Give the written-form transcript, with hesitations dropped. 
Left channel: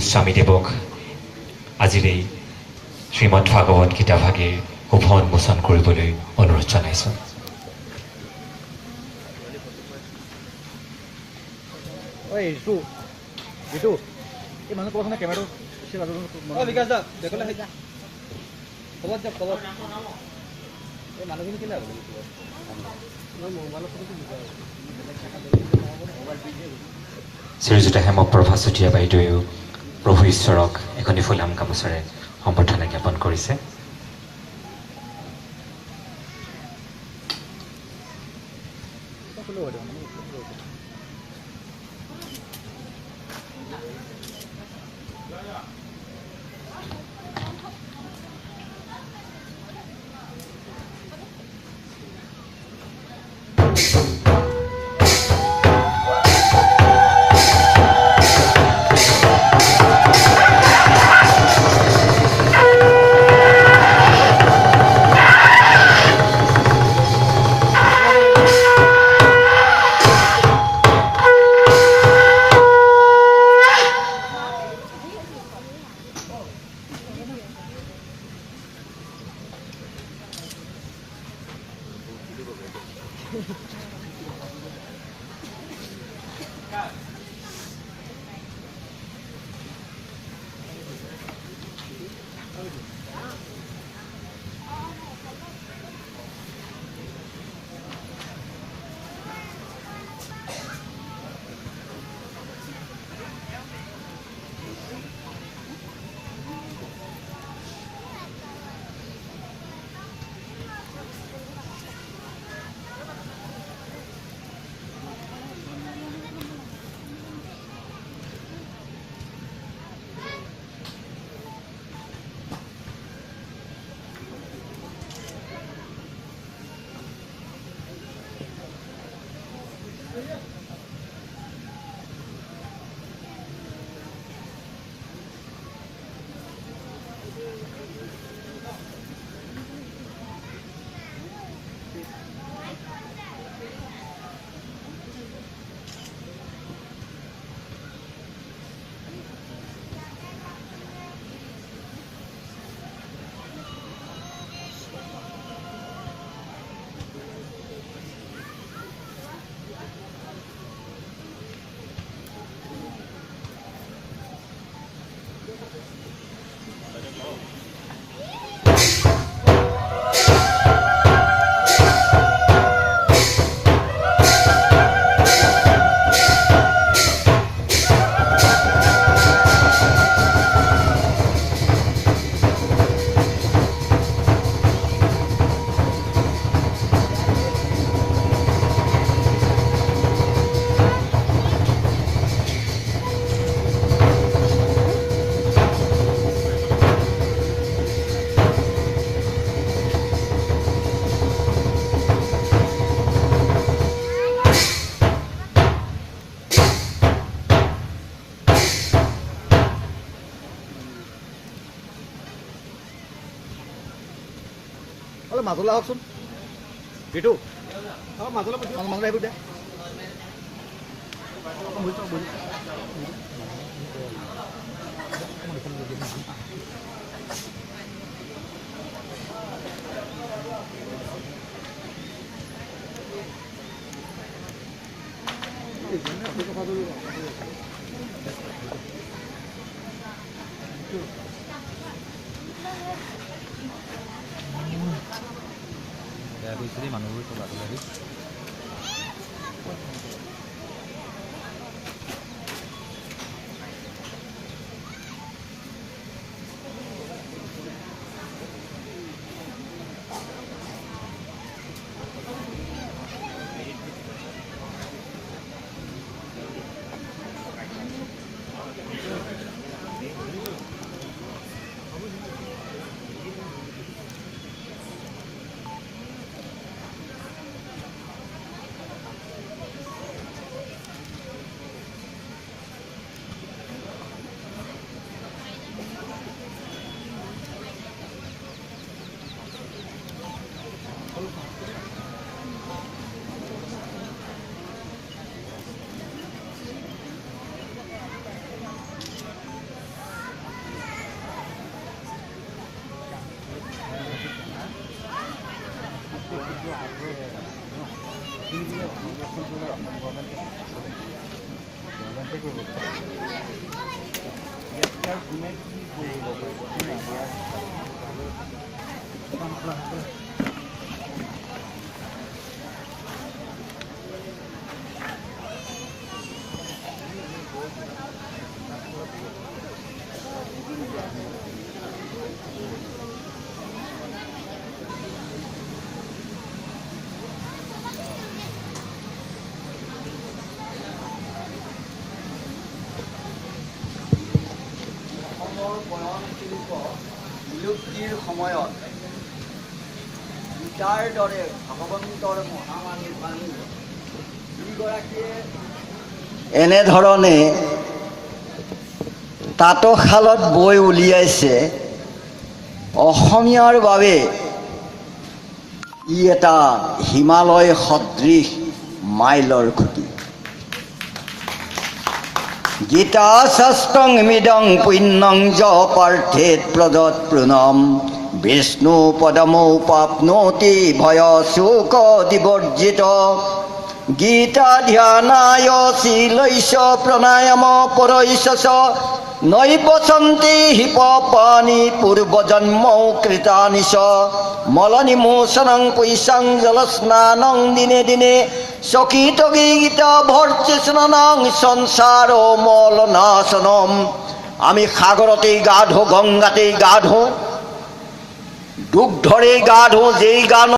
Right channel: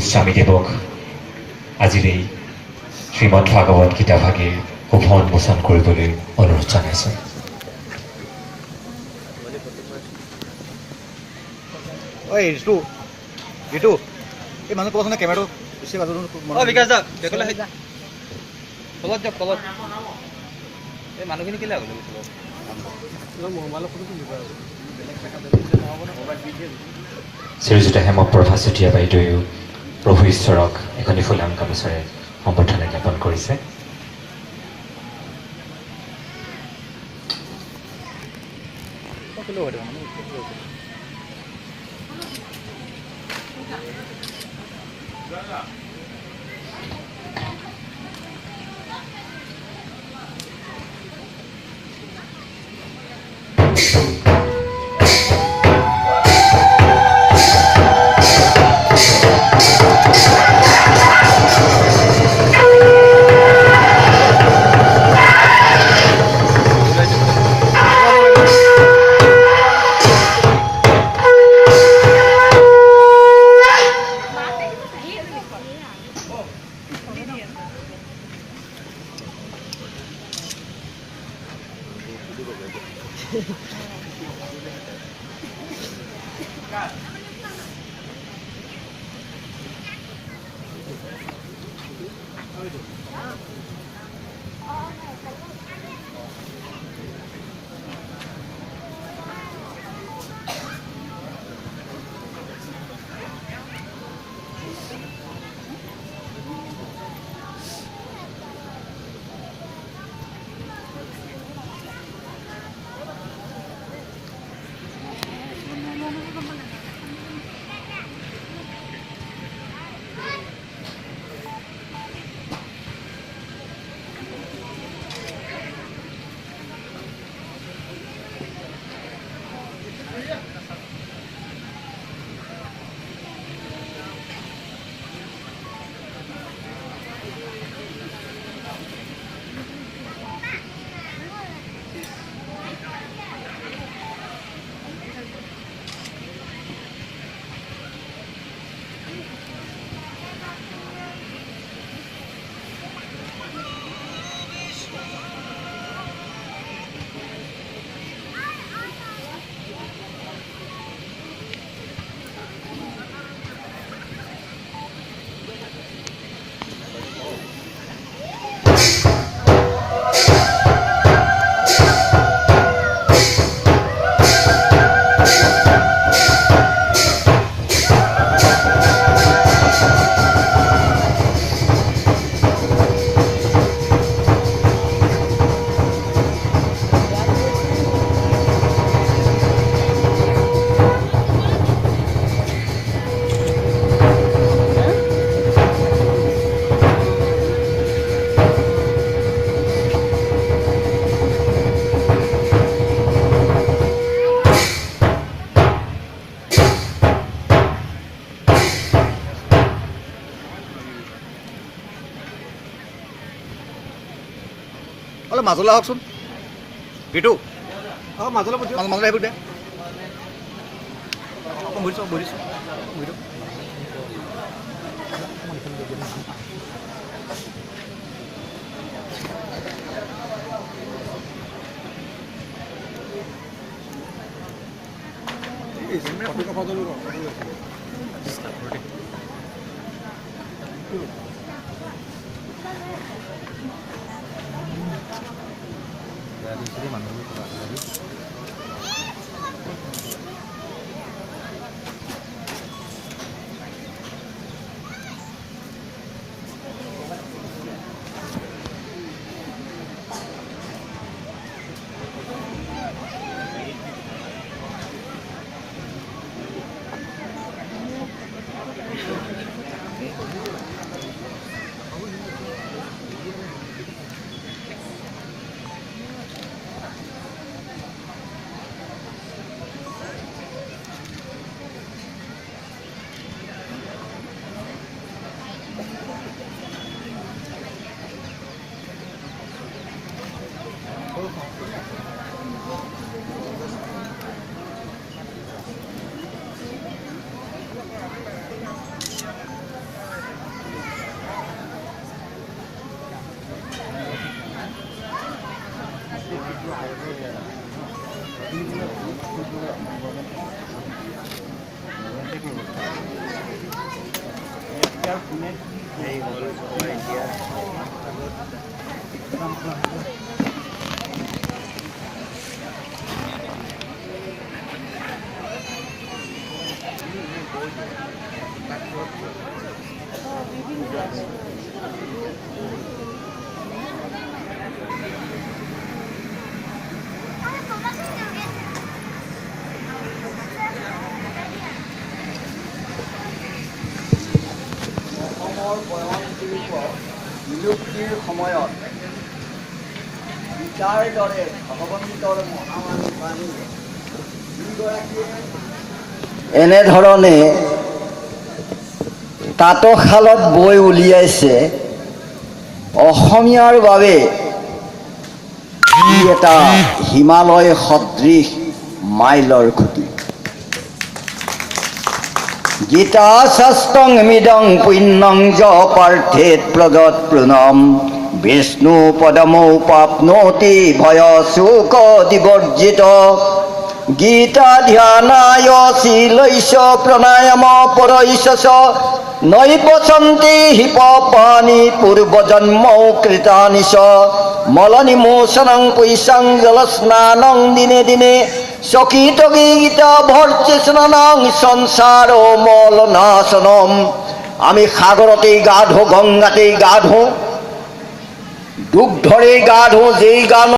গোস্বামীদেৱক আজিৰ এই শ্ৰীমদ ভাগৱত গীতাভাগীৰ শুভ উন্মোচন কৰিবলৈ অনুৰোধ জনাইছোঁ। ঐ ঋতু ঋতু এই মানুহ ক'বাচোন কেমেৰাটো বেছি বাজু বিকাশ দা তলত যাওক তলত এই মানুহখিনি কেলে মোবাইলৰ ফটো তুলিব আৰু শ্ৰীযুত হেমপ্ৰভা চুতীয়া বাইদেৱেও প্ৰভু ঈশ্বৰক এখনি ফুলাম গামোচাৰে সম্বৰ্ধনা জ্ঞাপন কৰিছে। অলপ মাজলৈ আহকচোন ঋতু মাজলৈ মাজলৈ আহিব দে অকণ বুজিছোঁ বুজিছোঁ বুজিছোঁ মানুহবোৰ চব আজিকালি বিলুপ্তিৰ সময়ত গীতাৰ দৰে ভগৱন্তৰ মহামানী বাণী যিগৰাকীয়ে এনেধৰণে তাঁতশালত বৈ উলিয়াইছে, অসমীয়াৰ বাবে ই এটা হিমালয় সদৃশ মাইলৰ খুঁটি। গীতা শাস্ত্ৰং মিদং পুণ্যং য পাৰ্থেত প্ৰগত প্ৰণম বিষ্ণু পদমৌ প্ৰাপ্নোতি ভয় শোক দিবৰ্জিত গীতা ধ্যানায় শীলৈষ প্ৰণায়াম পৰৈষ নৈপচন্তি হিপ পানি পূৰ্বজন্মৌ কৃতানি চ মলনিমোচনং পৈশাং জলস্নানং দিনে দিনে চকিত গীতা ভৰ্তি স্নানং সংসাৰ মলনাশনম। আমি সাগৰতেই গা ধো, গংগাতেই গা ধো, দুগ্ধৰেই গা ধো, যেই গা